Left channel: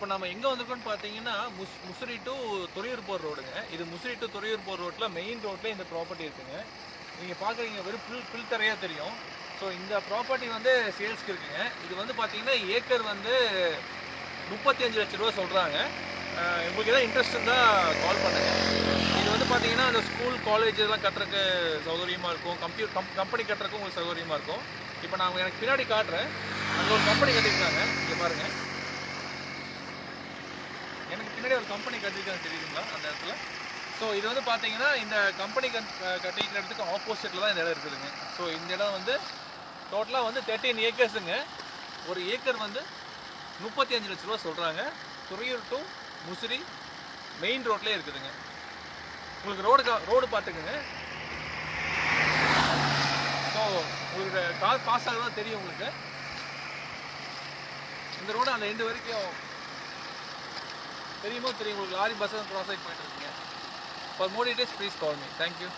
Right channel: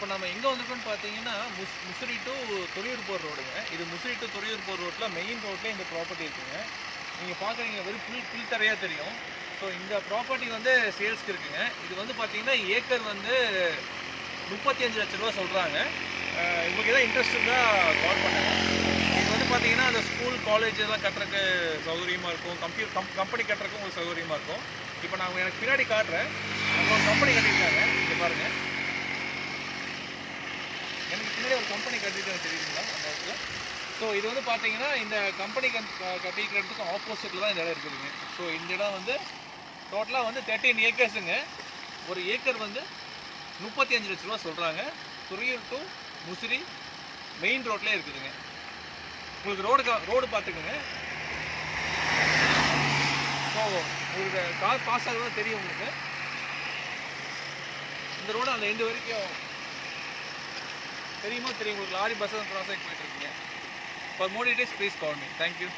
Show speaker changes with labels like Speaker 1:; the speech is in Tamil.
Speaker 1: இப்போ நம்ம எங்கே வந்திருக்கோம்னு பார்த்தீங்கன்னா முஸ் முசிறி டு துறையூர் போர் ரோடுங்க. இது முசிறி டு துறையூர் போர் ரோட்டில் மெயின் ரோட்டில் இந்த ப்ராப்பர்ட்டி இருக்குங்க. நீங்கள் பார்க்குறீங்க வெறும் புல் புல் தரையாக தெரியும். ஸோ இந்த ப்ராப்பர்ட்டி வந்து சேல்ஸ்க்கு இருக்குங்க. இது வந்து பார்த்தீங்கன்னா ஏக்கர் வந்து முப்பத்தி அஞ்சு லட்ச ரூபா சொல்கிறாங்க உங்களுக்கு எதாவது இன்ட்ரெஸ்ட் இருந்தால் கால் பண்ணுங்கள் இது வந்து பார்த்தீங்கன்னா அந்த ஸ்கூல் காலேஜ் எல்லாம் கட்டுறக்கு சௌகரியமாக இருக்கும். கம்ப்யூ கம் கம்பெனி கட்டுறக்கும் உங்களுக்கு சௌகரியமாக இருக்கும். இப்போ நான் எனக்கு பின்னாடி காட்டுறேன். அங்கே ஒரு கம்பெனி கட்டியிருக்காங்க. இங்கே பாருங்கள் ஒரு கம்பெனி கட்டியிருக்காங்க தெரியுங்களா அந்த இடத்துல? ஸோ இது வந்து பார்த்தீங்கன்னா இந்த கம்பெனி கண் கட்டிக்கிற இடத்துக்கு ஆப்போசிட்டில் தான் இந்த இடம் இருக்குதுங்க. ஸோ இந்த இடம் வந்து டோட்டலாக வந்து தேர்ட்டீன் ஏக்கர்ஸுங்க ஒரு ஏக்கர் வந்து முப்பத்தி அஞ்சு லட்ச ரூபா சொல்கிறாங்க துறையூர் டு முசிறி மெயின் ரோட்லேயே இருக்குதுங்க. உங்களுக்கு ரோடு ரோடு பார்த்துக்குங்க. ஸோ உங்களுக்கு கார் பாஸ் ஆகுதான் தெரியும் உங்களுக்கு. இந்த ரோடு அந்த எண்டு வரைக்கும் தெரியுமோ தெரியும் உங்களுக்கு லாரி பஸ் கிராஸ் ஆகி போயிட்டு இருக்கீங்க. For more details please call me thank you